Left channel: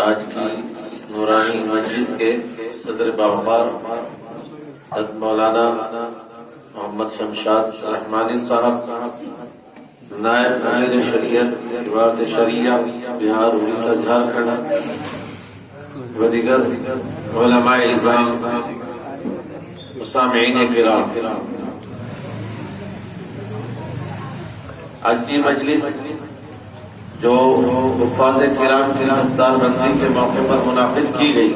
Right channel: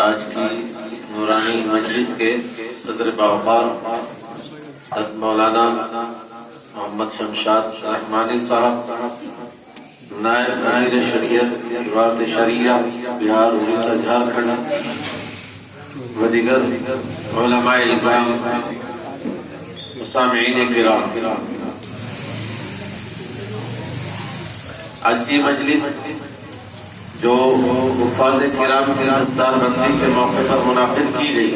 آج کی اس نورانی مجلس کے صدر باوقار حضرت مولانا محمد شمشاد رحمانی صاحب، نائب امیر شریعت وزارت شریعہ بہار اڑیسہ جھارکھنڈ و دیگر علماء اعظام و سامعین کرام، آج کی مجلس جو حفاظ کرام کی دستار بندی کے موقع پر منعقد کی گئی،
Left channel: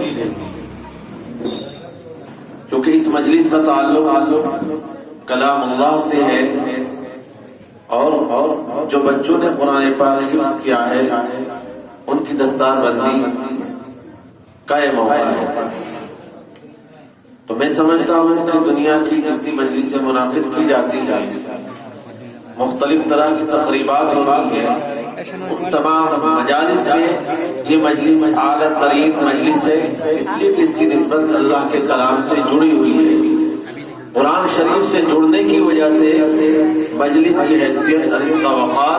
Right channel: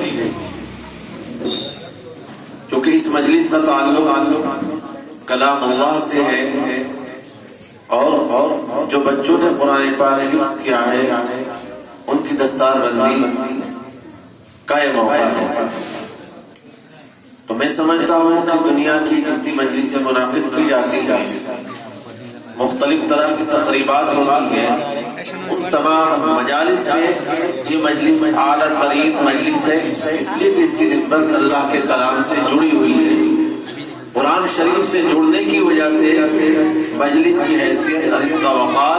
چونکہ اس مجلس کا تعلق کلام اللہ سے ہے اور جو بچوں نے قرآن پاک حفظ کیا ہے ان کی دستار بندی کا یہ موقع ہے۔ تو میں سمجھتا ہوں کہ دنیا کی جتنی مجلسیں منعقد کی جاتی ہیں، مختلف طرح کی تقریبات ہوتی ہیں، ان تمام مجالس میں یہ مجلس اعلیٰ ترین مجلس ہے، اس لیے کہ اس کی نسبت اللہ کے کلام سے جڑی ہوئی ہے۔ قرآن شریف سے جڑنے کی وجہ سے مجلس کی حیثیت اور اس کا وقار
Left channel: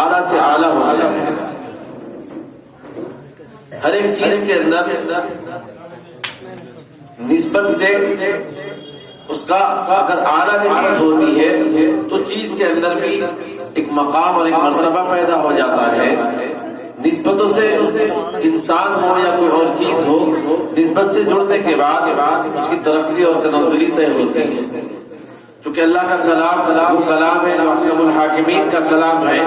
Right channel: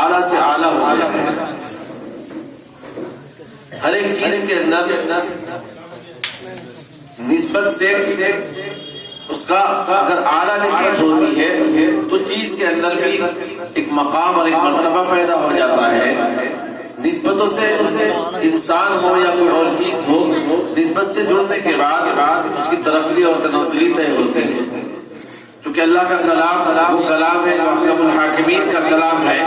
اعلیٰ سے اعلیٰ ہو گیا ہے۔ ہر ایک چیز کے اندر نسبت سے اس کا اگر اعلیٰ نسبت ہوتی ہے تو چیز کے اندر بھی ایک مقام اور ایک مرتبہ پیدا ہو جاتا ہے۔ نسبتوں سے انسان ہو یا کوئی اور چیز ہو، نسبت سے جڑنے کے بعد اس کی ترقی اور تنزلی طے ہوتی ہے۔ چونکہ اللہ کا کلام وہ کلام ہے جو احکم الحاکمین کا کلام ہے،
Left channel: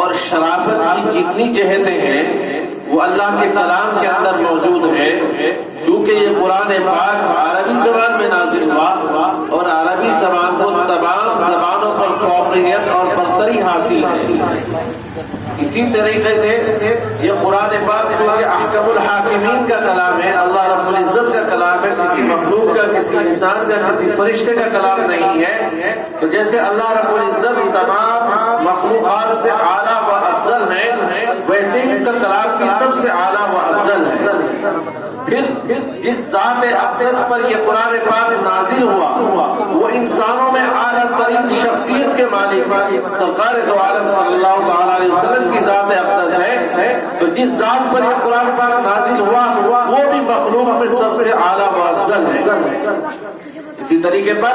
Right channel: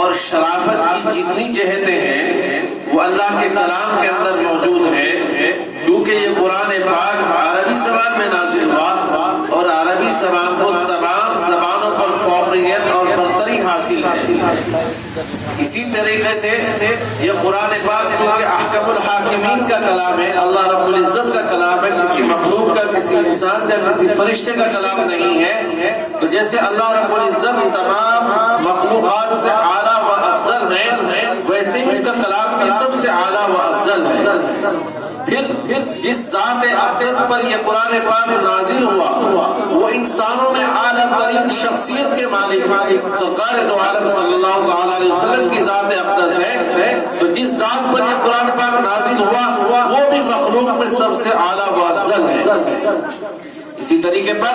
اور شرافت کی جتنی جہتیں ہیں وہ اللہ کے کلام کے اندر موجود ہے، کیونکہ یہ قرآن پاک عربی زبان میں نازل ہوا اور عربی زبان کو تمام زبانوں پر فوقیت اور برتری حاصل ہے۔ اسی طریقے سے یہ قرآن پاک چونکہ احکم الحاکمین کا کلام ہے، اللہ رب العزت کا کلام ہے، کسی مخلوق کا، کسی انسان کا، کسی فرشتے کا کلام نہیں ہے، تو جیسے اللہ رب العزت تمام مخلوقات سے اعلیٰ و افضل ہے، ویسے ہی اس کا کلام بھی سب سے اعلیٰ و افضل ہے۔ پھر جس ذات اقدس پر یہ قرآن پاک نازل ہوا وہ انسانوں میں اعلیٰ ترین شخصیت کے مالک سرکار دو عالم صلی اللہ تعالی علیہ وسلم کی ذات اقدس ہے، تو جس ذات پر یہ قرآن پاک نازل ہوا وہ بھی مخلوق میں سب سے اعلیٰ و افضل ہے۔ اسی طریقے پر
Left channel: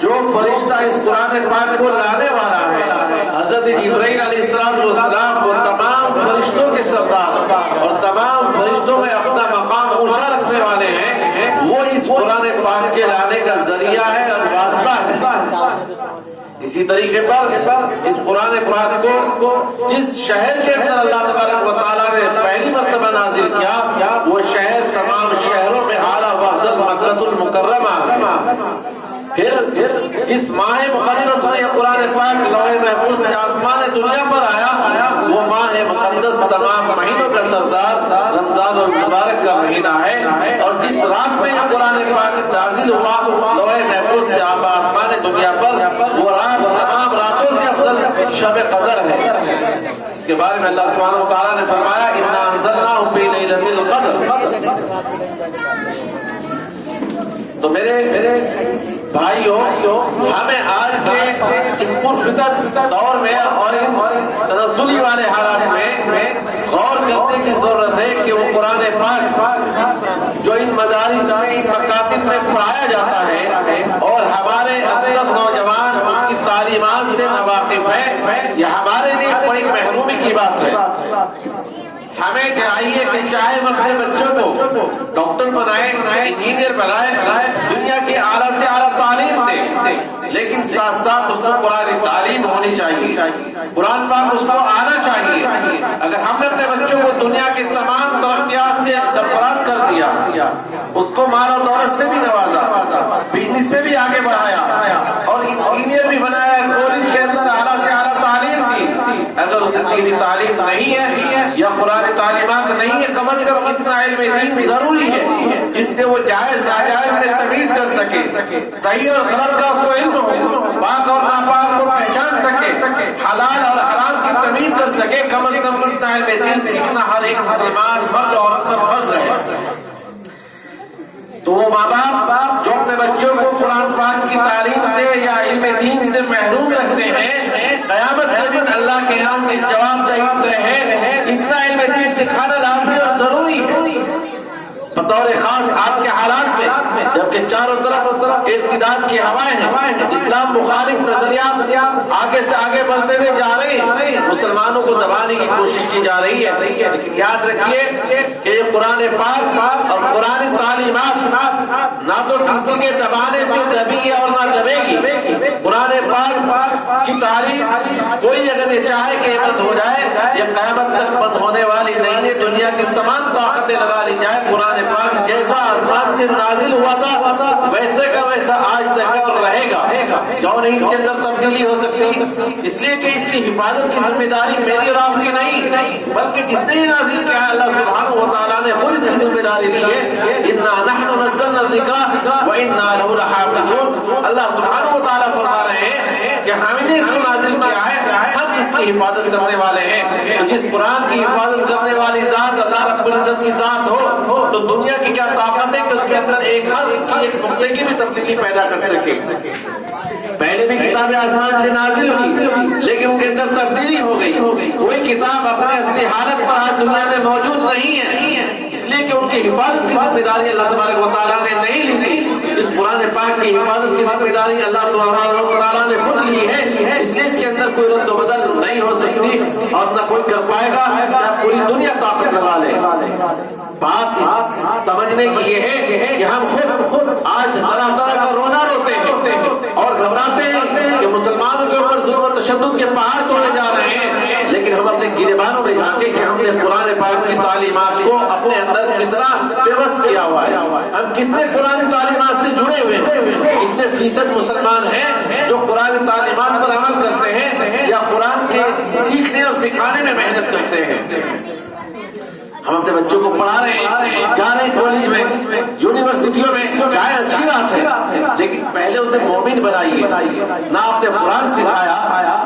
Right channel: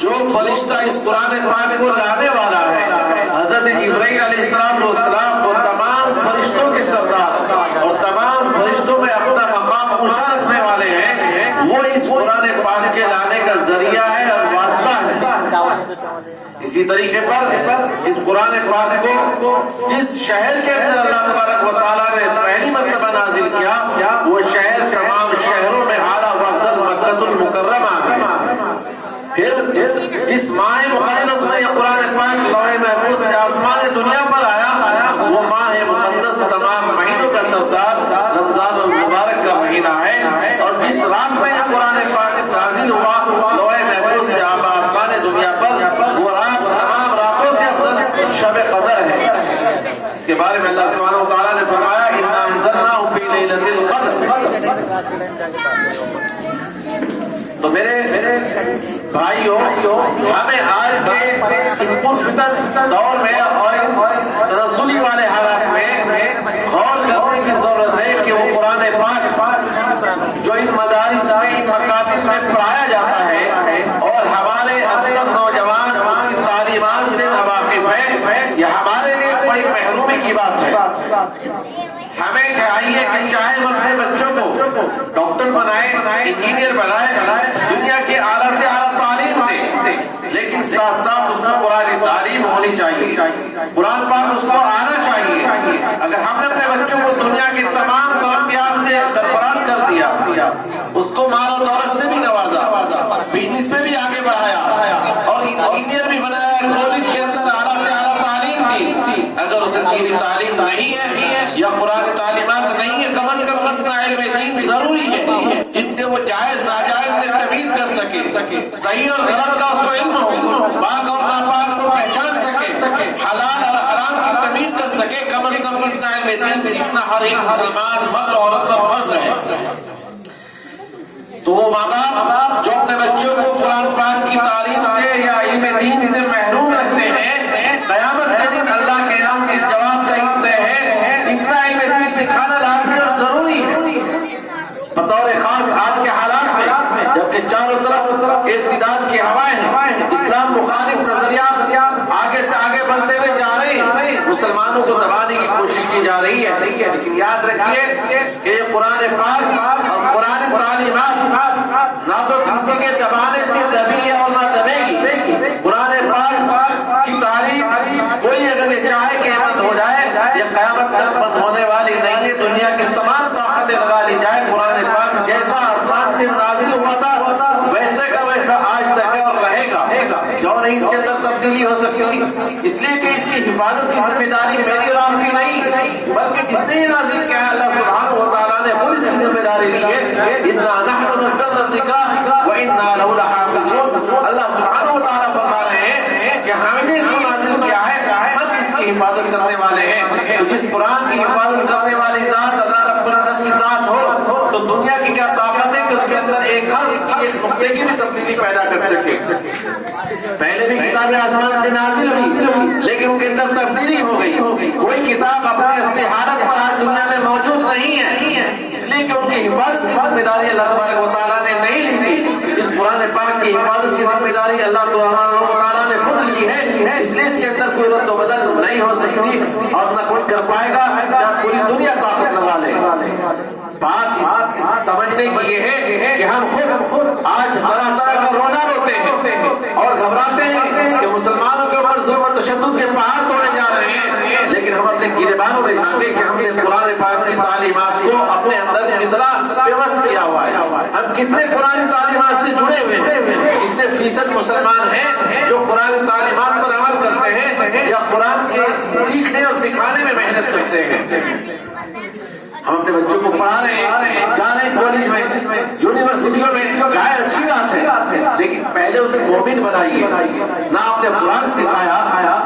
جو فرشتہ اس قرآن پاک کو لانے والا ہے، حضرت جبرائیل علیہ السلام، وہ تمام فرشتوں کے سردار اور تمام فرشتوں میں اپنا مقام اونچا رکھنے والے ہیں، وہ اس قرآن پاک کے لانے کا ذریعہ ہے اور واسطہ ہے۔ اسی طریقے پر اس قرآن پاک کو جس شہر کے اندر اللہ تبارک و تعالیٰ نے پہلی مرتبہ نازل کیا، وہ شہر تمام شہروں میں اعلیٰ و افضل مکہ المکرمہ ہے۔ پھر جس ماہ مقدس میں یہ قرآن پاک لوح محفوظ سے آسمان دنیا پر آیا، وہ ماہ مقدس تمام مہینوں کا سردار رمضان المبارک کا مہینہ ہے، اور جس رات میں یہ قرآن پاک نازل ہوا لوح محفوظ سے آسمان دنیا پر، وہ رات تمام راتوں سے افضل شب قدر ہے۔ اس کے بارے میں اللہ سبحانہ و تعالیٰ نے فرمایا اِنَّا أَنزَلْنَاهُ فِي لَيْلَةِ الْقَدْرِ۔ تو میرے بھائیوں، ہمیں آج کے اس پرفتن دور میں اور ان تنزلی والے حالات میں غور کرنے کی ضرورت ہے کہ وہ قرآن پاک جو ان مدارس میں، ان مکاتب میں پڑھایا جاتا ہے اور ہمارے اکثر نوجوان اس کی تعلیمات سے ناواقف ہیں، یہ ہمارے لیے بڑی محرومی کی بات ہے۔ ہمیں چاہیے کہ چاہے ہم اپنے بچوں کو ڈاکٹر بنائیں، انجینئر بنائیں، دنیا کی اعلیٰ سے اعلیٰ تعلیم دیں، لیکن ساتھ ساتھ اس کو قرآن تعلیم ہونی چاہیے، قرآن پاک اس کو آنا چاہیے۔ اگر ہم نے اپنے بچوں کو دنیا کے تمام ترقیات سے سرفراز کر دیا، اس کو مال و دولت سے بھی نوازا، بزنس میں بھی آگے بڑھایا اور انجینئر بھی بنایا، کالج کے اندر اعلیٰ سے اعلیٰ تعلیم دی، اگر اسے دینی تعلیم نہیں ہے یا قرآن تعلیمات نہیں ہے، کم از کم اتنا علم دین ضروری ہے جس سے وہ جائز ناجائز میں تمیز کر سکے، صحیح اور غلط کا اس کو علم ہو، پاک اور ناپاک کو پہچان سکے، حلال اور حرام کی تمیز کر سکے، کم از کم اتنا علم دین سیکھنا ہر ایک مسلمان مرد اور عورت پر فرض ہے۔ تو وہ ماں باپ جو اپنے بچوں کو قرآن پاک کی تعلیم سے یا علم دین سے محروم رکھتے ہیں، قیامت کے دن اللہ کے یہاں جواب دہی ہے، اتنا علم دین بطور خاص آج کے حالات میں جبکہ چاروں طرف ارتداد کی ہوائیں ہیں، اسلام مخالف نظریات آگے سے آگے بڑھتے ہوئے جا رہے ہیں، مسلمانوں کو دبانے کی کوشش کی جا رہی ہے، لیکن یاد رکھیے کہ قرآن پاک اور قرآن تعلیمات نہ تو کسی کے دبانے سے دبی ہے اور نہ دبے گی۔ قرآن پاک کی تعلیم کوئی اگر یہ چاہے کہ بند ہو جائے، یہ قیامت تک بند ہونے والی نہیں ہے، دنیا کی تمام طاقتیں لگا لی جائے، قرآن پاک جیسا آسمان سے نازل ہوا تھا ویسے کا ویسا آج تک ہے اور رہے گا، کیوں نہیں اس کے اندر تبدیلی ہو سکتی؟ اس لیے کہ اس کی حفاظت کی ذمہ داری میری اور آپ کی نہیں، بلکہ جس نے نازل کیا ہے اللہ سبحانہ و تعالیٰ نے خود اس کی ذمہ داری لی ہے۔ اِنَّا نَحْنُ نَزَّلْنَا الذِّكْرَ وَإِنَّا لَهُ لَحَافِظُونَ۔ اللہ سبحانہ و تعالیٰ فرما رہے ہیں کہ ہم نے اس کو نازل کیا ہے، ہم اس کی حفاظت کرنے والے ہیں۔ تو جس قرآن کی حفاظت کرنے والی ذات اللہ رب العزت کی ذات ہو تو دنیا کی کیا طاقت ہے کہ اس کے اندر ایک حرف کی ایک نقطے کی بھی تبدیلی پیدا کر سکے؟ پہلے بھی کتابیں آسمان سے نازل ہوئی لیکن ان کے اندر تبدیلی ہو گئی، کوئی کتاب اپنے اصلی حالت پر آج دنیا میں موجود نہیں ہے، اس لیے کہ ان کی حفاظت کی ذمہ داری اللہ تبارک و تعالیٰ نے نہیں لی تھی۔ اس قرآن پاک کی حفاظت کی ذمہ داری اللہ تبارک و تعالیٰ نے خود لی ہے، اس لیے اس کے اندر کوئی رد و بدل نہیں ہو سکتی اور نہ کوئی کر پائے گا، یا پوری دنیا طاقت لگا لے۔ بات سمجھنے کی یہ ہے کہ ہم خود آج طرح طرح کا رونا روتے ہیں اور گھبراتے ہیں کہ مسلمانوں کے اوپر ظلم و تشدد کے پہاڑ توڑے جا رہے ہیں، لیکن ہم اپنے گریبانوں میں جھانکے کہ ہم نے قرآن پاک کی تعلیمات کو اپنے اندر کتنا پیوست کیا ہوا ہے، ہم کتنے قرآن تعلیمات سے جڑے ہوئے ہیں، کتنے فیصد مسلمان ہیں جو قرآن تعلیمات پر عمل کرتے ہیں یا قرآن کے سیکھنے اور سکھانے میں محنت کرتے ہیں۔ ہم اپنے بچوں کو پڑھا رہے ہیں، جا رہے ہیں کالج میں، یونیورسٹیوں میں، چاہے اچھی بات ہے، لیکن پہلے اسے مومن بنائیے، نہ آپ نے قرآن سکھایا،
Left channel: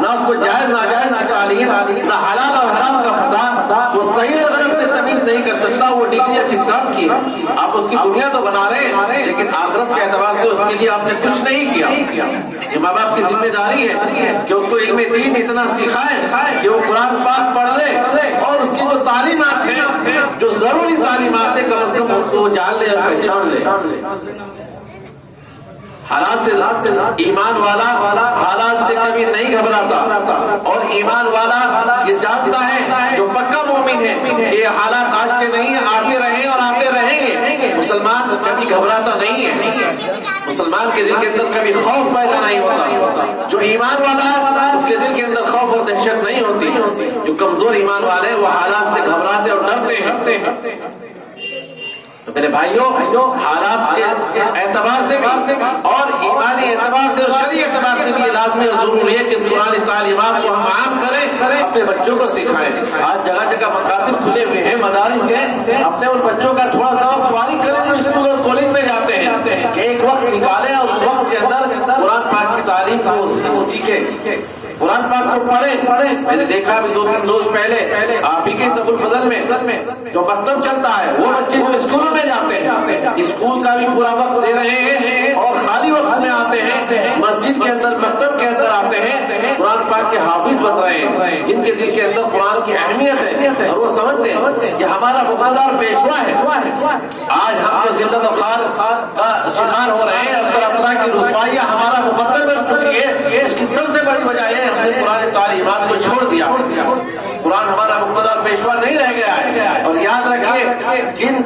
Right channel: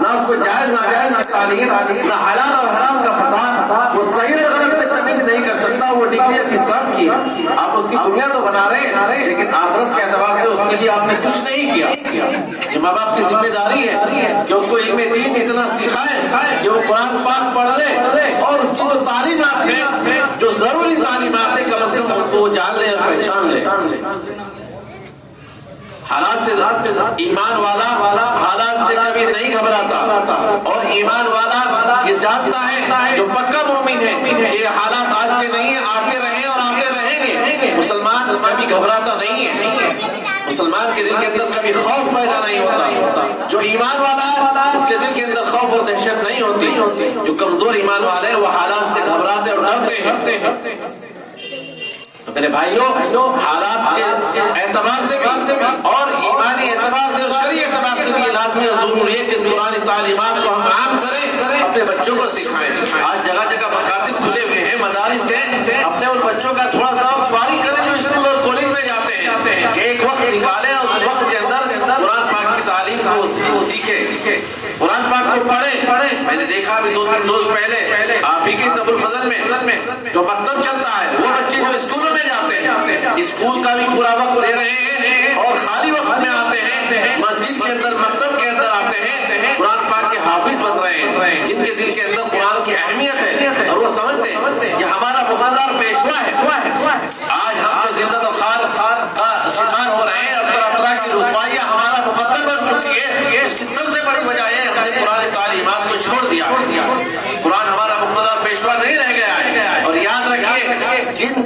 نہ اس کو جائز ناجائز کی تعلیم، نہ حلال اور حرام کا پتہ، وہ صحیح اور غلط میں تمیز نہیں کر سکتا، وہ ڈگریاں کس کام کی ہے؟ آپ اس کی دنیا تو بنا رہے ہیں لیکن آخرت کے اعتبار سے اس کے لیے آپ نے کچھ نہیں کیا۔ یہ ماں باپ کی ذمہ داری ہے کہ اس کو علم دین اتنا سکھائیں کہ وہ قرآن پاک پڑھ لے اور اس کی جو تعلیمات ہیں، جو ضروری تعلیمات ہیں، کم از کم ان کو جان لے اور پہچان لے۔ حالات سے ایمان والا حالات سے کبھی نہیں گھبراتا، اور ایمان والا یہ جانتا ہے جو پکا مومن ہے کہ یہ حالات آج کے نہیں ہیں، آتے رہے اور آتے رہیں گے۔ مسلمان کبھی گھبراتا نہیں ہے، مسلمان کے دل کے اندر کبھی خوف پیدا نہیں ہوتا، جو ایمان والا اس کے دل کے اندر خوف اور دہشت نہیں ہوتی، جو کمزور ایمان والے ہیں وہ حالات سے گھبراتے اور ڈرتے ہیں۔ تو میرے بھائیوں، حالات کے اعتبار سے بھی اور ایمانی اعتبار سے اور شرعی اعتبار سے بھی یہ لازمی اور ضروری ہے کہ اس قرآن تعلیمات کو ہم عام کریں، اپنے بچوں کو سکھائیں۔ آج جگہ جگہ مکاتب کھلے ہوئے ہیں، مدارس ہیں، اپنے ان بچوں کا تھوڑا سا وقت فارغ کریں جو اسکول اور کالج میں جاتے ہیں، کہ ایک وقت نکالیں اور اس وقت کے اندر قرآن پاک کی تعلیم کو سیکھیں، قرآن پاک کو پڑھیں۔ میں نے دیکھا ابھی 2-3 روز پہلے آپ ہی کے ابو الفضل میں جو مکتب چلتا ہے، وہ بچے جو اسکولوں میں جاتے ہیں، اسکول کا بھی پورا وقت دے رہے ہیں اور خالی وقت میں آتے ہیں، مسجد کے اندر مکتب کے اندر آتے ہیں، قرآن پاک کے حافظ بن رہے ہیں، جن کے دل کے اندر قرآن کی اہمیت ہے اور وہ سمجھتے ہیں کہ ہمارا وفادار پیشوا ہے۔ آج ہم جو ذلت و خوار کا شکار ہو رہے ہیں اور طرح طرح کی رسوائیاں ہمارا مقدر بن چکی ہے، اس کی سب سے بڑی وجہ یہ ہم نے قرآن تعلیمات کو چھوڑ دیا۔ قرآن ہمارا مقتدر پیشوا نہیں رہ گیا ہے، اور یاد رکھیے جن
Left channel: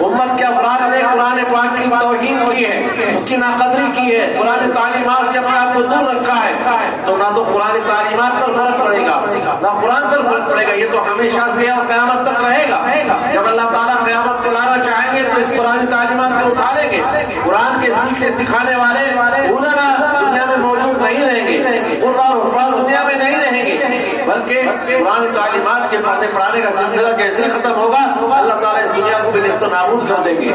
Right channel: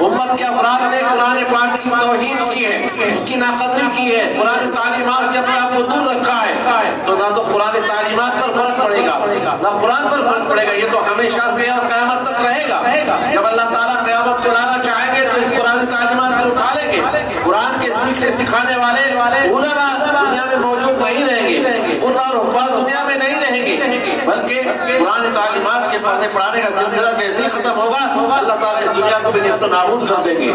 امت کے افراد نے قرآن پاک کی توہین کی ہے، اس کی ناقدری کی ہے، قرآن تعلیمات سے اپنے آپ کو دور رکھا ہے، تو نہ تو قرآن تعلیمات پر فرق پڑے گا نہ قرآن پر فرق پڑے گا، یہ تو ہمیشہ سے اور قیامت تک رہے گا۔ جب اللہ تعالیٰ قیامت کو لانا چاہیں گے تو اس قرآن تعلیمات کو اٹھا لیں گے، قرآن کے سیکھنے سکھانے والے علماء دنیا میں موجود نہیں رہیں گے، قرآن اور حفاظ دنیا میں نہیں رہیں گے، بلکہ قرآن تعلیمات کے پڑھنے پڑھانے کا سلسلہ جیسے ہی ختم ہوگا اللہ تعالیٰ اس دنیا کو بھی نیست و نابود کر دیں گے۔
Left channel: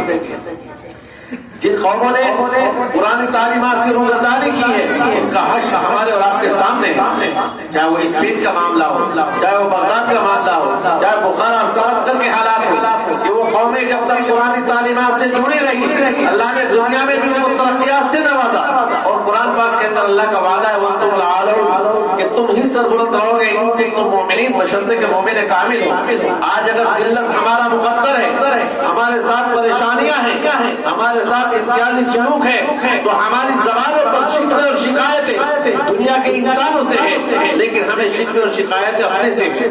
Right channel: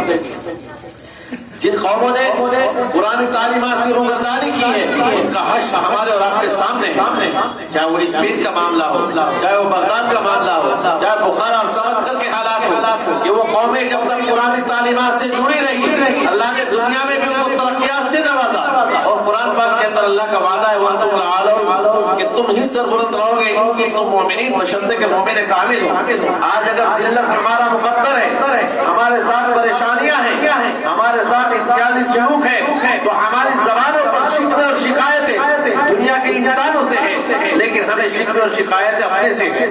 جن قوموں نے قرآن تعلیمات کی روگردانی کی ہے ان کا حشر ہمارے اور آپ کے سامنے ہے، چاہے وہ اسپین کا معاملہ ہو، چاہے وہ بغداد کا معاملہ ہو، چاہے بخارا اور سمرقند کے حالات ہو، کہ وہ قومیں جب تک قرآن تعلیمات سے جڑی رہی اللہ نے دنیا میں بھی ان کو ترقیات سے نوازا، اور قرآن پاک کے اندر اللہ کا وعدہ ہے وَأَنْتُمُ الْأَعْلَوْنَ کہ تم ہی سربلند رہو گے ان کے تم مومنین بشرطے کہ مومن کامل ہو۔ آج اگر ذلت ہمارا مقدر ہے، ہمارے ساتھ پریشانیاں ہیں، ہمارے ساتھ امتیازی سلوک ہے، تو ہماری زبانوں پر شکوے اور شکایتیں دنیا کے انسانوں سے ہیں، لیکن ہمیں شکوے اور شکایتیں اپنے سے ہیں،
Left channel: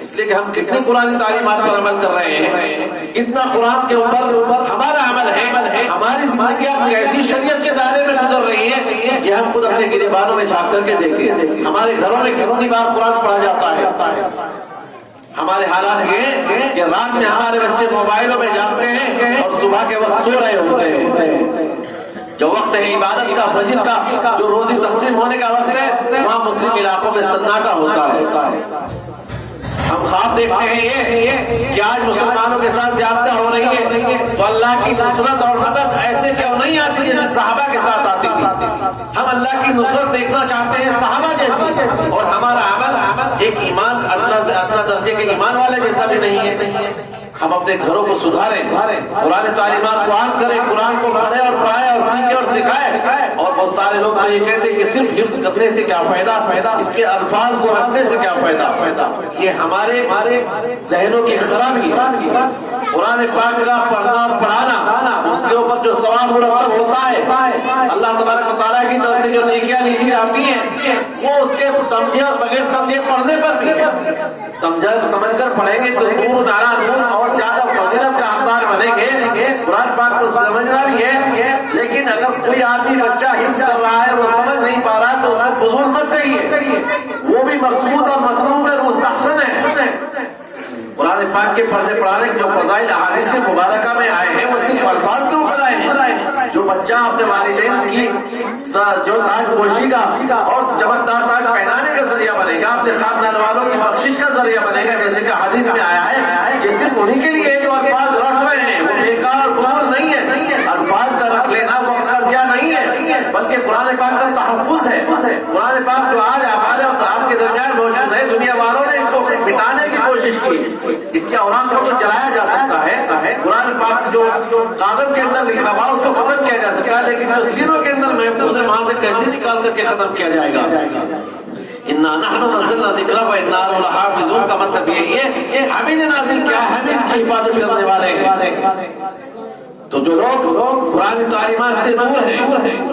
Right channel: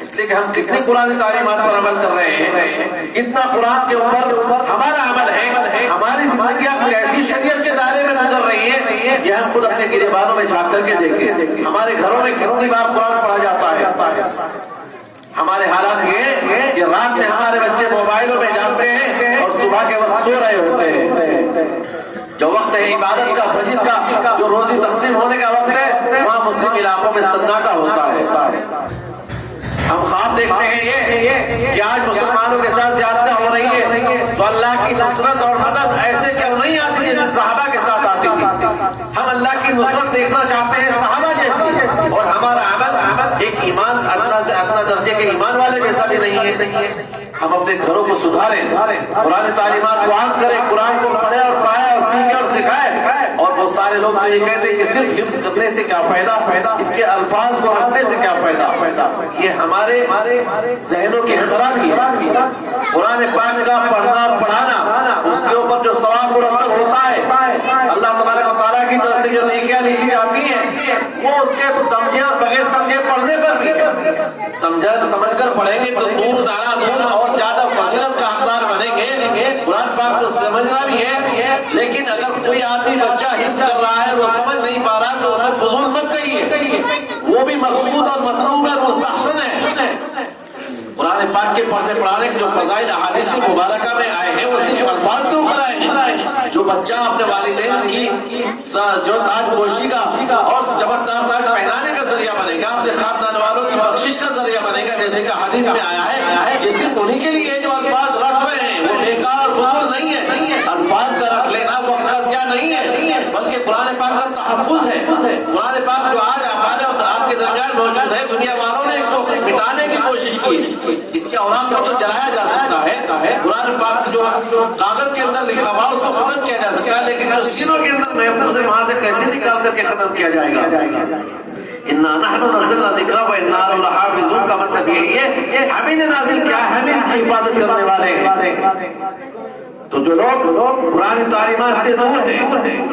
اس لیے کہ ہم کتنی قرآن تعلیمات پر عمل کر رہے ہیں، کتنا قرآن کے اوپر ہمارا عمل ہے، ہماری زندگیاں ایسی شریعت کے دائرے میں گزر رہی ہیں، یہ ہم خود اپنے گریبانوں میں جھانک کر کے دیکھیں، ہمارے گھروں میں کتنی بار قرآن پڑھا جاتا ہے۔ ہمارے حالات یہ ہیں کہ رات میں ہمارے بچے موبائلوں میں جاگتے ہیں اور صبح کے وقت سو رہے ہوتے ہیں۔ جو وقت ہے عبادت کا، فجر کا، جو روزی تقسیم ہونے کا وقت ہے، وہاں مسلم علاقوں میں سناٹا ہوتا ہے۔ ہم خواب دیکھتے ہیں یہ کہ آج مسلمانوں کے ساتھ زیادتیاں ہو رہی ہے، تو اللہ کی نصرت اور مدد ایسے کیوں نہیں آتی جیسے صحابہ کے ساتھ آتی تھی؟ ہم اللہ کی نصرت دیکھنا چاہتے ہیں صحابہ جیسی، اور ہمارا عمل ایک ایمان ادنا سے ادنا درجے کے ایمان والے جیسا بھی نہیں ہے۔ ہم اپنے گھروں کو سدھاریں، قرآن تعلیمات کو عام کریں، قرآن کو پڑھیں اور پڑھائیں اور سیکھیں اور سکھائیں۔ اور بہت سارے لوگ تو یہ کہتے ہیں کہ صرف حفظ کرنے سے کیا فائدہ، اس کے الفاظ کو رکھنے سے کیا فائدہ؟ یہ ہمارے ذہنوں کی خرابی ہے۔ قرآن پاک کا پڑھنا اور پڑھانا، اس کے اوپر جو ثواب مرتب ہوتا ہے، اللہ تبارک و تعالیٰ کی طرف سے جو نیکیاں لکھی جاتی ہیں، وہ اس کے سمجھے اور بغیر سمجھے پڑھنے پر بھی ہے۔ سمجھ کر پڑھیں گے تو دور نارا دور اور زیادہ فضیلت کا حقدار بنیں گے۔ قرآن پاک کو سمجھنا بھی ہے، لیکن اگر کوئی آدمی بچہ حفظ کر رہا ہے وہ سمجھ نہیں پا رہا تو اس کو فضول مت کہیے، وہ بھی مقصود اور مطلوب ہے، مستحسن ہے۔ قرآن پاک کے پڑھنے پڑھانے کے جو فضائل احادیث مبارکہ میں آئے ہیں وہ صرف الفاظ کے اوپر آئے ہیں۔ جو بچہ اپنے والدین کی جو تاج پوشی کا اور چمکدار تاج پہنانے کا ذریعہ بنے گا، اپنے خاندان والوں کی بخشش کا ذریعہ بنے گا، جیسے کہ حدیث میں آیا ہے، یہ صرف انہی کے لیے جو الفاظ رکھ رہے ہیں، وہ بیکار فضول نہیں ہے۔ الفاظ کا رکھ لینا وقت کا ضیاع نہیں ہے، بلکہ قرآن پاک کا تحفظ ہے۔ قرآن پاک جو آج آپ کے درمیان موجود ہے، دنیا والوں نے اس کو مٹانے کی کوشش کی، اس کے اوراق کو تو جلایا جا سکتا ہے، قرآن پاک جو کاغذ کے اندر لکھا ہوا اس کو ختم کیا جا سکتا ہے، لیکن جو سینوں کے اندر محفوظ ہے وہاں سے کیسے نکال کر کے ختم کیا جائے گا؟ اِنَّا نَحْنُ نَزَّلْنَا الذِّكْرَ وَإِنَّا لَهُ لَحَافِظُونَ کا مطلب یہ ہم ہی نے نازل کیا ہے، ہم اس کی حفاظت کرنے والے ہیں۔ تو جو لوگ قرآن تعلیمات سے دور ہیں،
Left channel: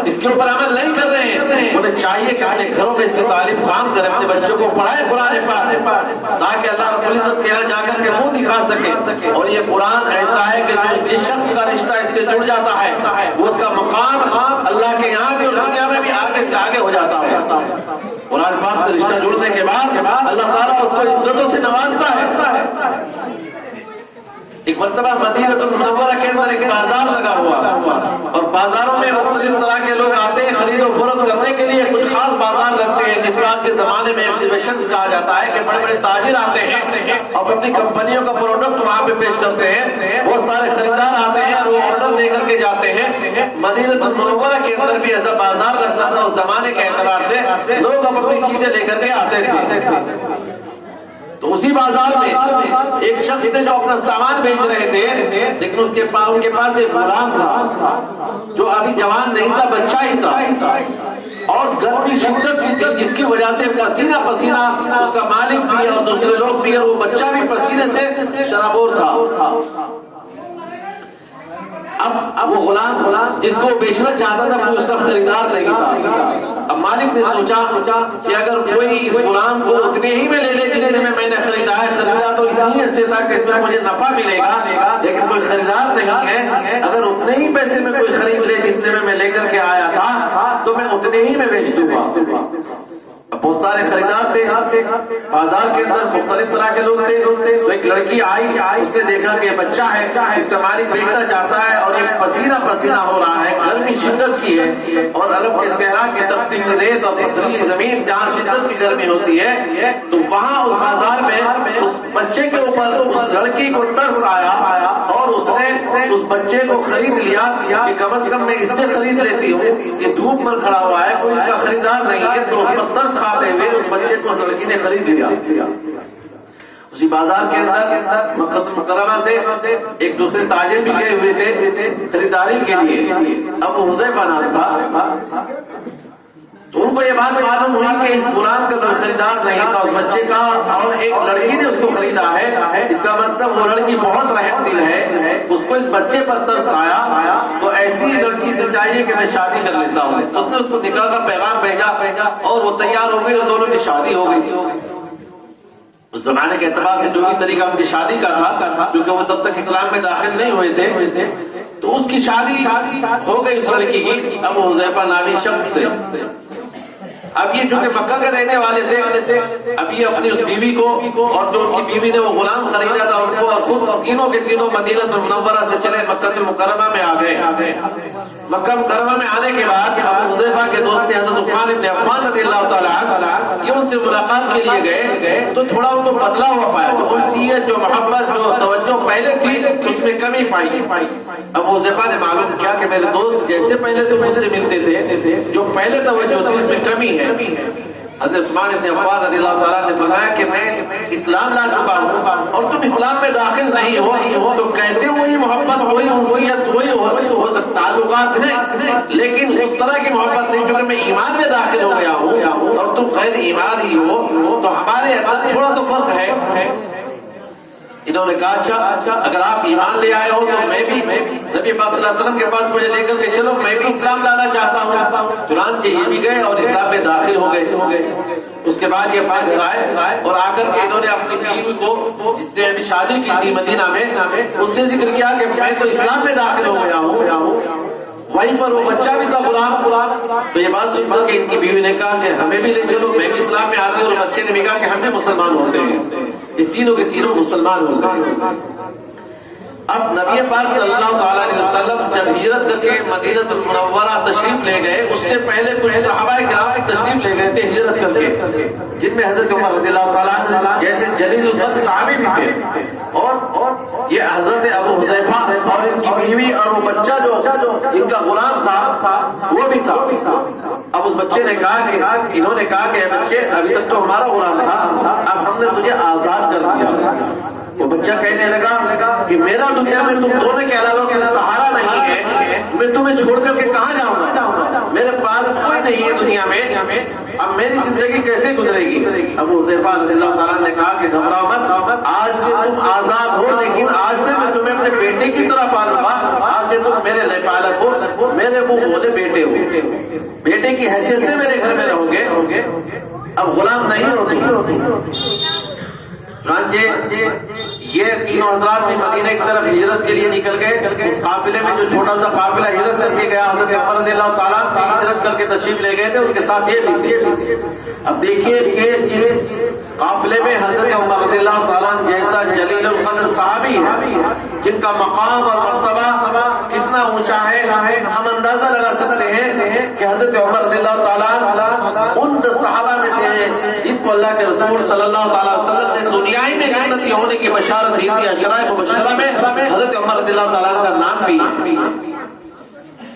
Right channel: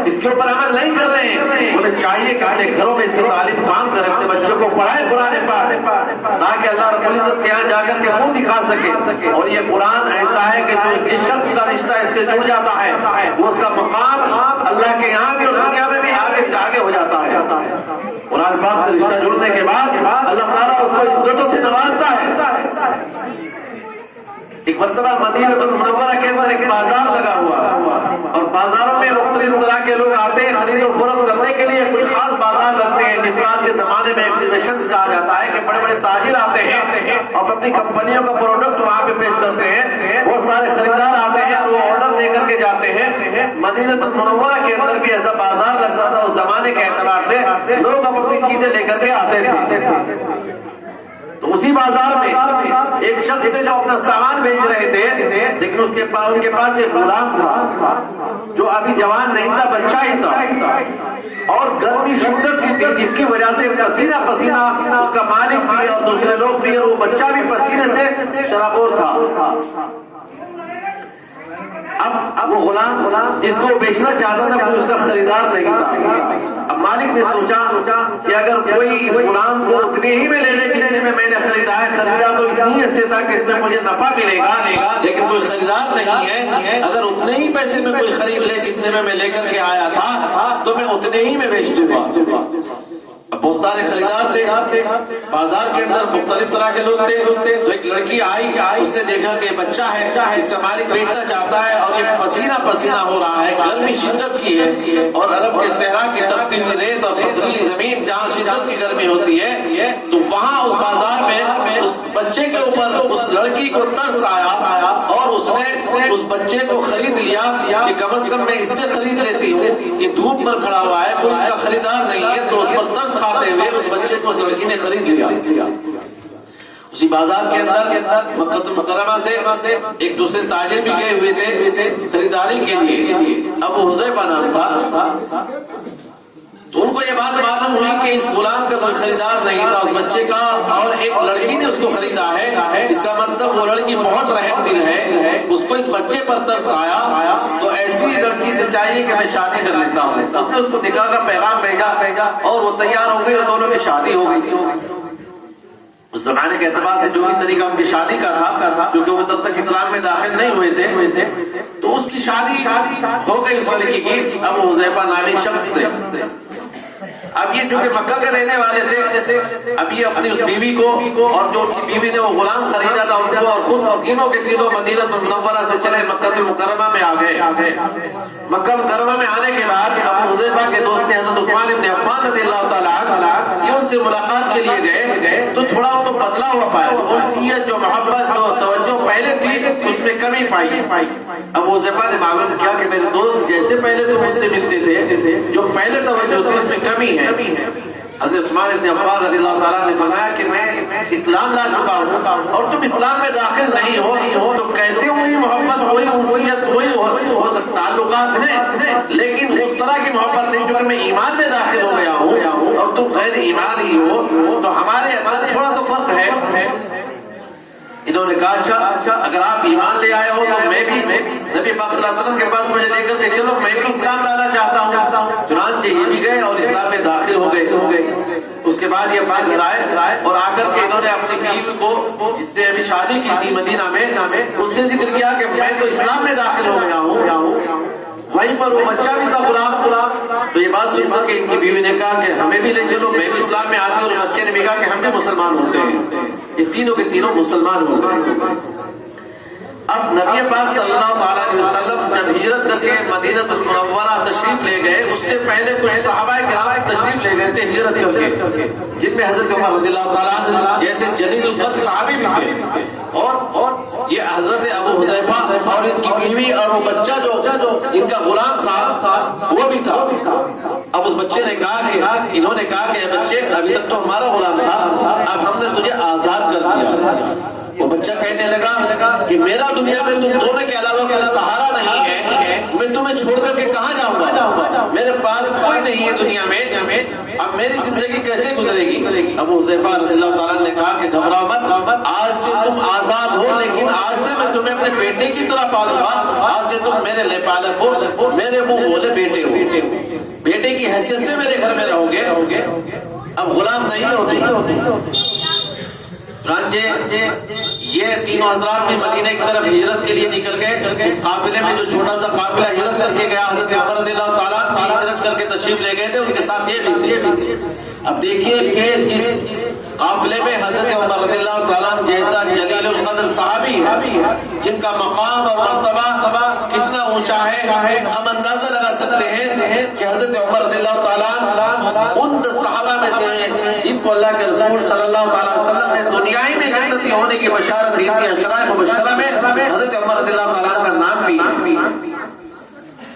اس کے اوپر عمل نہیں کر رہے ہیں، انہیں چاہیے کہ اپنے گھروں میں اس کی تعلیم کام کریں، اپنے بچوں کو پڑھائیں قرآن پاک، تاکہ اللہ رب العزت کے یہاں جا کر کے منہ دکھا سکے۔ اور یہ قرآن ایسا ہے کہ جس شخص کا رشتہ اس سے جڑ جاتا ہے وہ اس کا مقام اللہ کے یہاں بھی اور دنیا میں بھی آگے سے آگے ہو جاتا ہے۔ قرآن پاک سے رشتہ جڑنے کے بعد اللہ تعالیٰ اس کو عزتوں سے نوازتا ہے۔ ایک مرتبہ مدینہ المنورہ کے اندر ایک بازار لگا ہوا، اور بازاروں میں مختلف طرح کے لوگ آتے ہیں خرید و فروخت کرنے کے لیے۔ کچھ خاص بازار لگتے ہیں جس آج کے زمانے میں ایگزیبیشنز کہا جاتا ہے، کہ بڑے بڑے تاجر آتے ہیں اور اپنی کمپنیوں کا پروڈکٹ وہاں پہ پیش کرتے ہیں، بہت سارے خریدار آتے ہیں اور وہ آرڈر دے کر کے جاتے ہیں۔ مدینہ المنورہ کے اندر بھی ایسا بازار لگتا تھا، اس زمانے کے اعتبار سے لوگ اپنی چیزیں لے کر کے آتے تھے۔ تو اسی بازار میں ایک شخص تھے جو اپنا سامان بیچ رہے تھے، لیکن ان کے پاس ایک غلام تھا جو ابھی جوان نہیں تھا، بچہ ہی تھا، اور گرمی شدت کی تھی جس کی وجہ سے پسینہ پسینہ اس کا مالک بھی اور دوسرے لوگ بھی، اور وہ بچہ بھی پسینے سے شرابور تھا۔ اب وہ غلام جس کو بیچنا چاہتا تھا وہ اس کا خریدار نہیں تھا۔ اب مالک نے سوچا کہ اگر کوئی اس غلام کو اتنے ہی میں لے لے جتنے میں نے خریدا تو اس لیے سے تھا کہ اس میں مجھے نفع ملے گا، لیکن کوئی خریدار نہیں ہے، اگر اتنے ہی پیسے میں کوئی خرید لے جتنے میں لے کر کے آیا تھا تو میں اتنے ہی میں بیچ دوں گا۔ بہت سارے خریدار تھے، بازار کے اندر مختلف طرح کے لوگ تھے، تو ایک لڑکی آئی، اس نے دیکھا کہ بچہ ہے، اس کا مالک بیچنا چاہتا ہے اور یہ پسینہ پسینہ ہو رہا ہے، گرمی شدت کی ہے، اور عرب کے صحرا کی تپتی ہوئی ریت اور پتھریلی زمین جہاں شدت کی گرمی ہوتی ہے، تو وہاں اس بازار میں اس بچے کے اوپر اس لڑکی کو ترس آیا اور اس نے اس بچے کو خرید لیا کہ کم از کم میں اس سے خرید لیتی ہوں، یہ دھوپ پر کھڑا ہوا ہے، کوئی اس کا خریدار نہیں ہے، تو اس پر ترس کھاتے ہوئے اس بچے کو اس لڑکی نے خرید لیا۔ اسی بازار کے اندر مکہ المکرمہ سے ایک دوسرے تاجر بھی گئے ہوئے تھے خریداری کے لیے، ابو حذیفہ نام تھا۔ تو ان کو یہ بات معلوم ہوئی کہ اس غلام کا کوئی خریدار نہیں تھا، اس بچے کا، اور ایک لڑکی نے اس کو خریدا ہے، اس کا مطلب وہ لڑکی بہت رحم دل ہے، اس کو اس بچے پر ترس آیا، تو ایسی لڑکی سے چاہیے کہ میں شادی کر لیتا ہوں۔ اس نے اس کو نکاح کا پیغام بھیجا اور وہ تیار ہو گئی اور دونوں کی شادی ہو گئی۔ اس زمانے کے اعتبار سے جو بھی طریقہ ان کی شادی کا تھا، کیونکہ وہ تب تک اسلام میں داخل نہیں ہوئے تھے، تو اس کی شادی ہو گئی اس لڑکی کی ابو حذیفہ نامی شخص سے۔ اب یہ جو کہ مکہ کے رہنے والے تھے، اب یہ اپنی اس بیوی کو اور جو ان کی بیوی نے وہ غلام خریدا تھا ان کو، اور خود تینوں کے تینوں مدینہ المنورہ سے چلے مکہ المکرمہ میں آ گئے۔ مکہ مکرمہ میں آنے کے بعد ابو حذیفہ کے دوست حضرت عثمان بن عفان رضی اللہ تعالی عنہ یہ ان سے ملاقات کے لیے گئے، تو تھوڑا ان کو بدلا ہوا پایا، جو انسیت، جو محبت، جو توجہ پہلے تھی اس میں کمی پائی۔ ابو حذیفہ نے معلوم کیا کہ میرے دوست جیسے پہلے تم مجھ سے ملتے تھے، جو پہلے توجہ تھی اس میں کمی ہے۔ حضرت عثمان بن عفان رضی اللہ تعالیٰ نے فرمایا کہ میں اسلام لا چکا ہوں اور تم اسلام میں داخل نہیں ہو، تو کیسے وہی محبت، وہی انسیت، وہی ہو سکتا، تعلقات ہیں لیکن اس طرح کی محبت نہیں جو کہ میں ایمان میں داخل ہو گیا ہوں اور تم غیر ایمان ہی ہو، تو ہمارے اندر تھوڑا تو فرق ہے۔ انہوں نے کہا اچھا اگر آپ ایمان لے آئے ہو تو میں بھی نبی پاک صلی اللہ علیہ وسلم کے پاس مجھے لے کر کے چلو، میں بھی اسلام لانا چاہتا ہوں۔ چنانچہ یہ بھی گئے اور اسلام میں داخل ہو گئے۔ اس کے بعد یہ اپنے گھر آئے اور آ کر کے انہوں نے اپنی بیوی کو جس سے ابھی شادی کی تھی مدینہ میں، اس سے ذکر کیا کہ میں تو اسلام میں داخل ہو گیا ہوں۔ وہیں پر وہ بچہ بھی تھا غلام۔ تو یہ بات سن کر کے ان کی بیوی نے کہا کہ ہمیں بھی لے چلو، میں بھی اسلام میں آتی ہوں، اور بچے نے بھی کہا کہ ہم بھی مسلمان ہوتے ہیں۔ یہ تینوں کے تینوں مسلمان ہو گئے۔ اب نبی پاک صلی اللہ تعالیٰ علیہ وسلم جب ہجرت کر کے مدینہ المنورہ تشریف لے گئے، اس سے پہلے کچھ صحابہ کرام تشریف لے گئے تھے ہجرت کر کے، جن میں حضرت عمر رضی اللہ تعالیٰ جیسے جلیل القدر صحابی بھی تھے، اور یہ حضرت ابو حذیفہ اور ان کی بیوی اور وہ بچہ جو ان کا غلام تھا وہ بھی تھا۔ اب اس بچے نے کہا کہ انہوں نے کہا کہ بچے ابھی تک تو ہمارا غلام تھا، اب ہم نے تجھے آزاد کر دیا۔ وہ بچہ کہنے لگا کہ میرا دنیا میں تم دونوں کے علاوہ کوئی سہارا نہیں ہے، میں تمہیں چھوڑ کر کے کہاں جاؤں گا، میرے پاس کوئی نہیں ہے دنیا میں، اب میری زندگی کیسے گزرے گی۔ ابو حذیفہ رضی اللہ تعالیٰ نے کہا کہ گھبراؤ مت، آج سے تم آزاد ہو، لیکن آج سے میں تمہیں اپنے بیٹے کی طرح پالوں گا، آج سے تم میرے لے پالک ہو، میرے منہ بولے بیٹے ہو، بیٹے کی حیثیت سے میرے گھر میں رہو گے، اب غلام نہیں ہوتے۔ چنانچہ یہ تینوں حضرات بھی مدینہ کی طرف ہجرت کے لیے نکل گئے۔ اس قافلے میں جو چھوٹا سا قافلہ ہجرت کر کے گیا، حضرت عمر رضی اللہ تعالیٰ بھی ہجرت کر کے تشریف لے گئے تھے، ان کے ساتھ یہ بھی تھے۔ اب دیکھیے کہ اس قافلے میں حضرت عمر رضی اللہ تعالیٰ جیسا جلیل القدر صحابی ہے، جن کا مقام اور مرتبہ کتنا اونچا ہے، ہم اندازہ لگا سکتے ہیں کہ حضرت عمر رضی اللہ تعالیٰ ان 10 صحابہ میں سے ہیں جن کو اللہ کے رسول صلی اللہ علیہ وسلم نے دنیائی میں جنتی ہونے کی بشارت دی تھی۔ اشراء مبشرہ میں حضرت عمر رضی اللہ تعالیٰ کا نام بھی ہے۔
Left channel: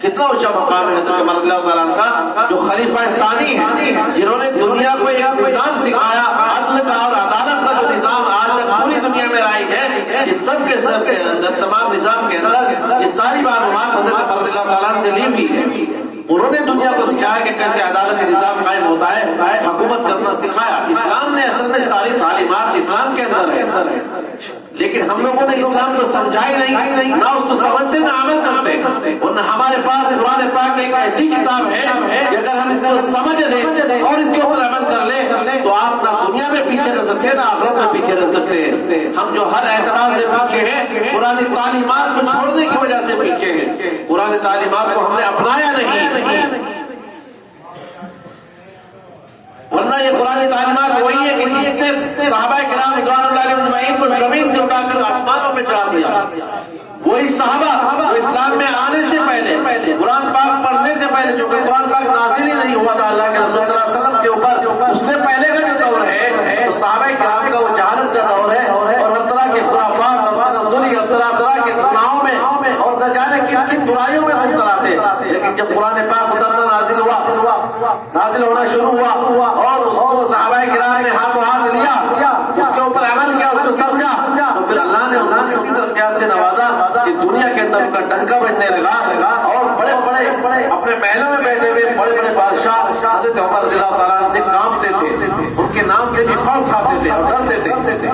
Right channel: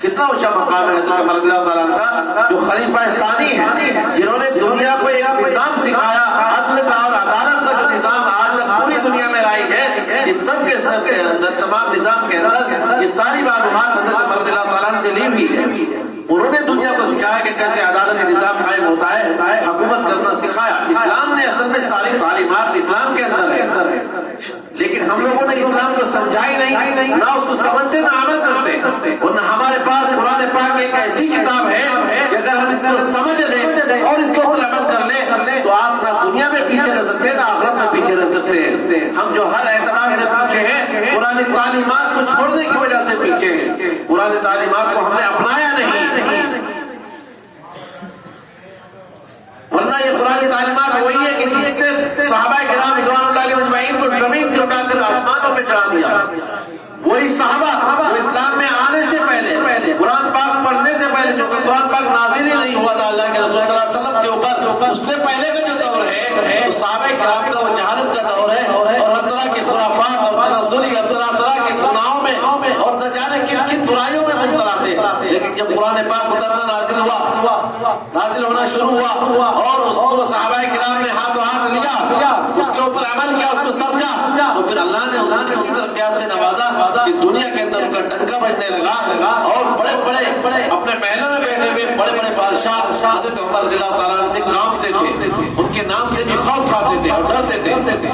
کتنا اونچا مقام ہے حضرت عمر رضی اللہ تعالیٰ کا، جو خلیفہ ثانی ہیں، جنہوں نے دنیا کو ایک نظام سکھایا، عدل کا اور عدالت کا جو نظام آج تک پوری دنیا میں رائج ہے، یہ سب کے سب کے اندر، تمام نظام کے اندر یہ ساری معلومات حضرت عمر رضی اللہ تعالیٰ سے لی ہوئی ہے۔ انہوں نے دنیا کو سکھایا کہ کیسے عدالت کا نظام قائم ہوتا ہے، حکومت کرنا سکھایا۔ اسلام نے اصل میں ساری تعلیمات اسلام کے اندر ہے، لیکن ہم لوگوں نے اسلام کو سمجھا ہی نہیں، نہ اس کو سمجھتے نہ عمل کرتے۔ ورنہ ہمارے پاس قرآن پاک ایک ایسی کتاب ہے کہ اگر ہم اس کو سمجھ لیں اور اس کے اوپر عمل کر لیں تو آپ نہ دنیا میں پیچھے رہ سکتے ہیں نہ آخرت میں پیچھے رہ سکتے ہیں۔ ہم جو ہر اعتبار سے پیچھے ہیں، قرآن تعلیمات کو چھوڑنے کی وجہ سے پیچھے ہیں، قرآن تعلیمات کو ہم نے اپنایا نہیں۔ ورنہ یہ قرآن تعلیمات وہی ہے کہ جس نے صحابہ کرام رضوان اللہ علیہم اجمعین کو زمین سے اٹھا کر آسمانوں پہ چڑھا دیا۔ وہی صحابہ جو اسلام میں آنے سے پہلے، قرآن پاک پڑھنے سے پہلے، جو کہ قرآن پاک نازل ہی نہیں ہوا تھا اللہ کے رسول صلی اللہ علیہ وسلم کے اوپر، اس سے پہلے کا جو دور ہے تو صحابہ کرام کا وہ جہالت کا دور ہے، اور ہر طرح کے خرافات اور تنزلی اور طرح کے گناہوں میں اور نہ جانے کن کن برائیوں میں مبتلا تھے۔ لیکن جب قرآن پاک اترنا نازل ہونا شروع ہوا اور اس کو صحابہ کرام نے ہاتھوں ہاتھ لیا، اس کے اوپر عمل عمل کیا، اس کو سمجھا، تو پھر اللہ نے کتنی ترقیات سے نوازا کہ دنیا کے اندر ان کا ڈنکا بجنے لگا، اور بڑے بڑے اپنے محلوں میں بیٹھے ہوئے بڑے بڑے بادشاہ حضرت عمر رضی اللہ تعالیٰ عنہ سے کانپتے تھے، ان کے نام سے بھی خوف کھاتے تھے اور ڈرتے تھے۔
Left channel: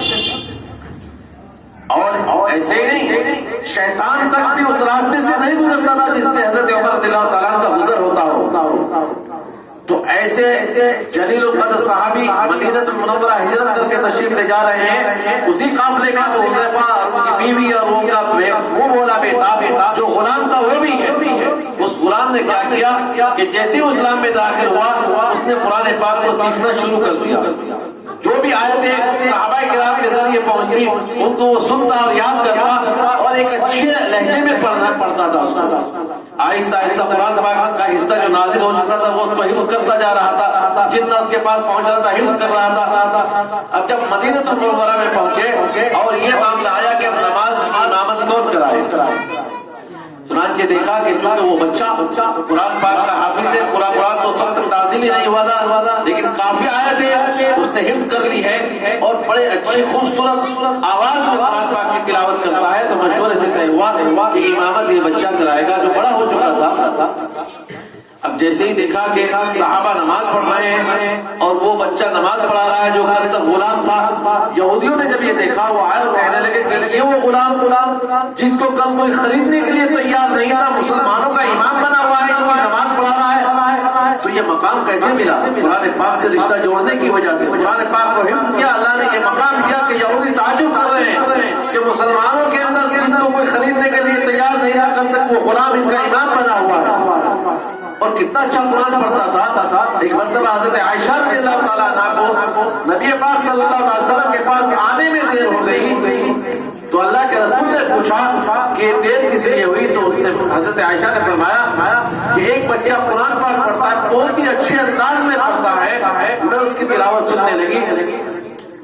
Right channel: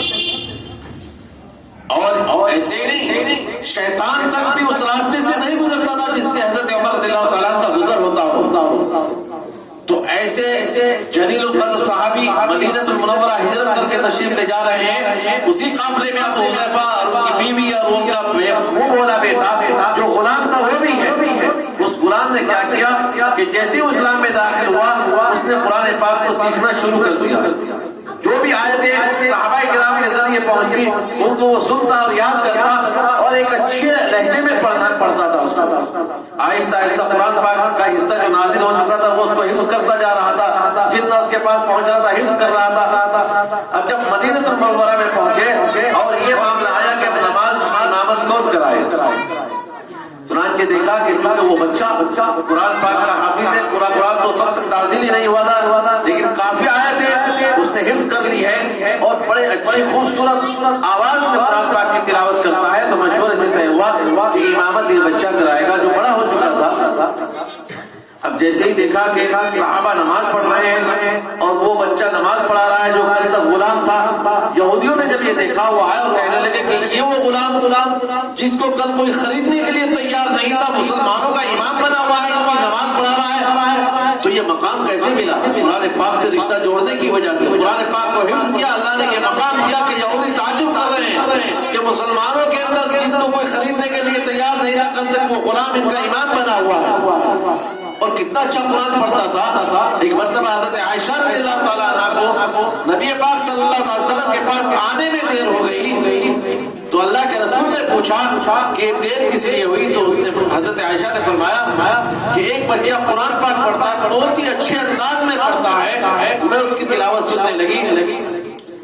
اور ایسے ہی نہیں، شیطان تک بھی اس راستے سے نہیں گزرتا تھا جس سے حضرت عمر رضی اللہ تعالیٰ عنہ کا گزر ہوتا ہو۔ تو ایسے جلیل القدر صحابی مدینہ المنورہ ہجرت کر کے تشریف لے جا رہے ہیں، اسی قافلے میں ابو حذیفہ اور ان کی بیوی اور ان کا وہ بولا بیٹا جو غلام تھا وہ بھی ہے۔ اس غلام نے کیا کیا کہ جیسے وہ اسلام میں داخل ہوا، اس نے قرآن پاک کو سیکھنا شروع کر دیا۔ جو بھی آیتیں صحابہ کرام کے ذریعے پہنچتی ان کو وہ سنتا اور یاد کرتا، اور ایک اچھے لہجے میں پڑھتا تھا اس کو۔ آہستہ آہستہ قرآن پاک کا حصہ جو نازل ہو چکا تھا وہ اس کو حفظ کرتا جا رہا تھا، جتنا اس کے پاس پہنچ رہا تھا حفظ کر رہا تھا۔ اب جب مدینہ المنورہ میں پہنچے اور یہ معاملہ آیا کہ اب نماز کی امامت کون کرائے، چنانچہ دیکھا کہ کیونکہ وہ بچہ قرآن پاک کا حافظ ہے، پورا قرآن تو اس وقت تک نازل ہی نہیں ہوا تھا، لیکن کافی آیتیں اس نے حفظ کر لی ہے اور بڑے اچھی خوبصورت آواز میں قرآن پاک کی تلاوت کرتا ہے۔ تو مشورے سے طے ہوا کہ امامت یہ بچہ کرائے گا جو بڑا ہو چکا تھا۔ اب جیسے ہی دیکھا کہ صحابہ نماز پڑھ رہے ہیں اور وہ بچہ نماز پڑھا رہا ہے جو کل تک غلام تھا، یہودیوں نے جب یہ دیکھا وہ آئے اور کہنے لگے کہ یہ وہ غلام جس کو کل کوئی خریدنے کے لیے تیار نہیں تھا، مسلمانوں کا امام بنا ہوا ہے، ان کی نماز پڑھا رہا ہے، تو یہ مقام کیسے ملا؟ قرآن پاک سے رشتہ جوڑنے کی وجہ سے قرآن پاک کو حفظ کیا، اللہ نے یہ مقام دیا کہ یہودی تعجب کر رہے ہیں کہ مسلمانوں کے اندر جس کو کوئی خریدنے کے لیے تیار نہیں تھا کل تک وہ غلام ان کا امام بنا ہوا ہے۔ اور کتنا اچھا قرآن پڑھتا تھا۔ ایک مرتبہ حضرت عائشہ رضی اللہ تعالیٰ عنہ کو نبی پاک صلی اللہ علیہ وسلم کے پاس آنے میں دیر ہو گئی، تو اللہ کے رسول نے پوچھا کہ یہ دیر کس لیے ہوئی، تو اس نے حضرت عائشہ نے فرمایا کہ ایک بچہ قرآن پاک پڑھتا ہے، بہت ہی اچھے انداز میں پڑھتا ہے، میں اس کی تلاوت سننے لگی،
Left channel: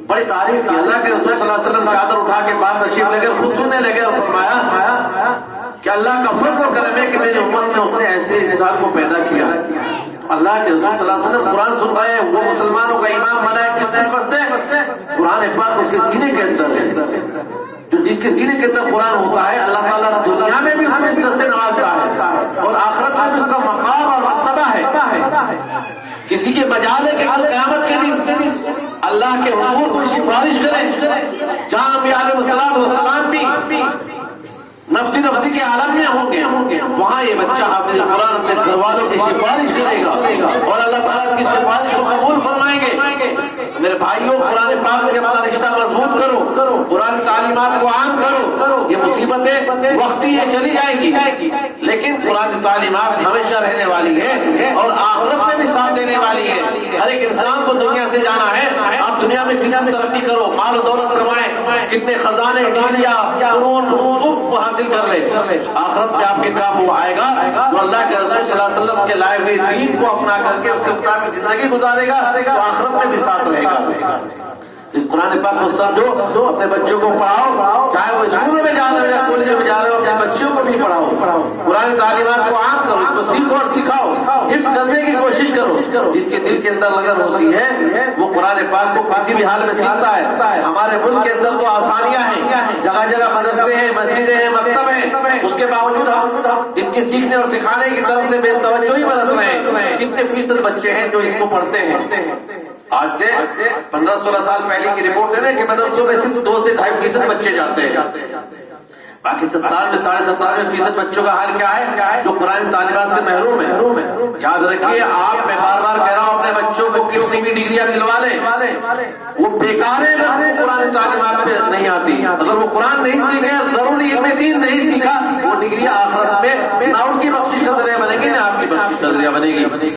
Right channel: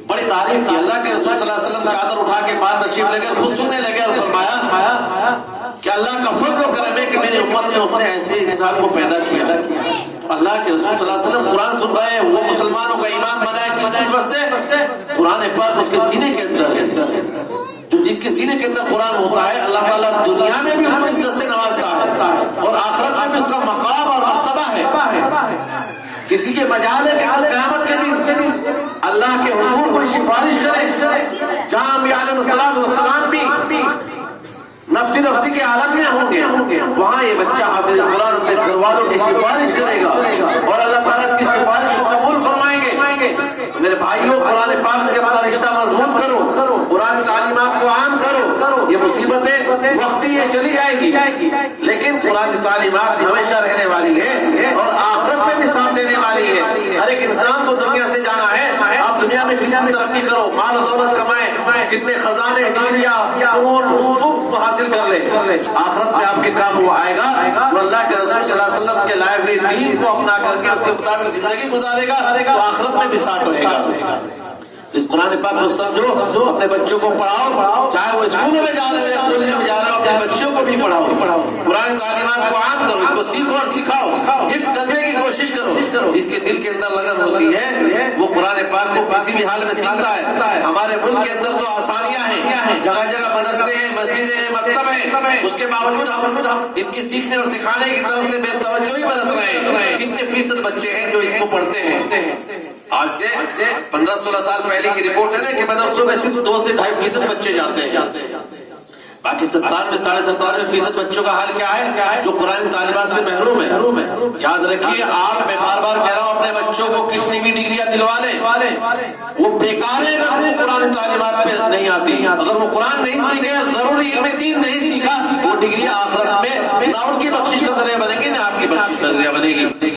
بڑی تعریف کی۔ اللہ کے رسول صلی اللہ علیہ وسلم چادر اٹھا کے بعد تشریف لے کر خود سننے لگے اور فرمایا کہ اللہ کا فضل و کرم ہے کہ میری امت میں اس نے ایسے انسان کو پیدا کیا۔ اللہ کے رسول صلی اللہ علیہ وسلم قرآن سن رہے ہیں، وہ مسلمانوں کا امام بنا ہے کس نسبت سے؟ قرآن پاک اس کے سینے کے اندر ہے، جو جس کے سینے کے اندر قرآن ہوتا ہے اللہ تعالیٰ دنیا میں بھی اس کو عزت سے نوازتا ہے اور آخرت میں بھی اس کا مقام اور مرتبہ ہے۔ کسی کے مجال ہے کہ کل قیامت کے دن اللہ کے حضور کوئی سفارش کرے، جہاں انبیاء علیہ السلام بھی نفسی کے عالم میں ہوں گے، وہاں یہ بچہ حافظ قرآن اپنے گھر والوں کی سفارش کرے گا اور اللہ تعالیٰ کی سفارش کو قبول فرمائیں گے۔ میرے بھائیوں، قرآن پاک سے اپنا رشتہ مضبوط کرو، قرآن تعلیمات کو عام کرو۔ یہ مصیبتیں وقتی یہ چلی جائے گی، لیکن قرآن تعلیمات ہمیشہ رہنے والی ہے اور آخرت میں بھی ساتھ دینے والی ہے۔ ہر ایک انسان کو دنیا سے جانا ہے، آپ دنیا میں کتنی ترقی کرو، مال و دولت کمائیں، کتنے خزانے ڈگریاں حاصل کر لے، آخرت میں آپ کے کام وہ آئے گا تو اللہ کے رسول صلی اللہ علیہ وسلم کے لائے ہوئے دین کو اپنا کر کے اس کے مطابق زندگی گزارے گا تو آخرت میں بھی ساتھ رہے گا۔ اس قرآن پاک کو سمجھو، اپنے بچوں کو پڑھاؤ، چاہے وہ اسکولوں میں جا رہے ہو یا کالجوں میں جا رہے ہو، اپنے بچوں کو بھی پڑھاؤ، قرآن تعلیمات کو عام کرو، اس کو سیکھو اور سکھاؤ، حفظ کرنے کی کوشش کرو۔ جس کے دل کے اندر لگن ہوتی ہے وہ قرآن پاک کو کسی بھی حال میں سیکھتا ہے۔ ہمارے ملک کے اندر تو آسانیاں ہیں، جگہ جگہ مدرسے ہیں، مسجدیں ہیں، مکتب ہیں، اس کے باوجود ہم اس کے سیکھنے اور سکھانے کی طرف سے بے توجہی برت رہے ہیں۔ کتنے فیصد بچے ہیں جو اس کو پڑھتے ہیں؟ آج سے 15-16 سال پہلے کی رپورٹ ہے نا کہ مدرسوں میں صرف 2 سے 2.5% بچے جاتے ہیں، باقی 97-97% بچوں کا حال کیا ہے جو قرآن تعلیمات سے محروم ہے۔ یاد رکھیے، آپ میں بار بار کہہ رہا ہوں اپنے بچوں کو کتنی بھی ڈگریاں دلوا لیں، وہ بیکار ہے اگر وہ قرآن تعلیمات پہ نہیں آتی۔ اگر وہ قرآن نہیں سیکھے، ضروری علم دین نہیں سیکھا، وہ ڈگریاں آخرت میں نہ ان کی بخشش کا ذریعہ بنے گی نہ آپ کی بخشش کا ذریعہ بنے گی۔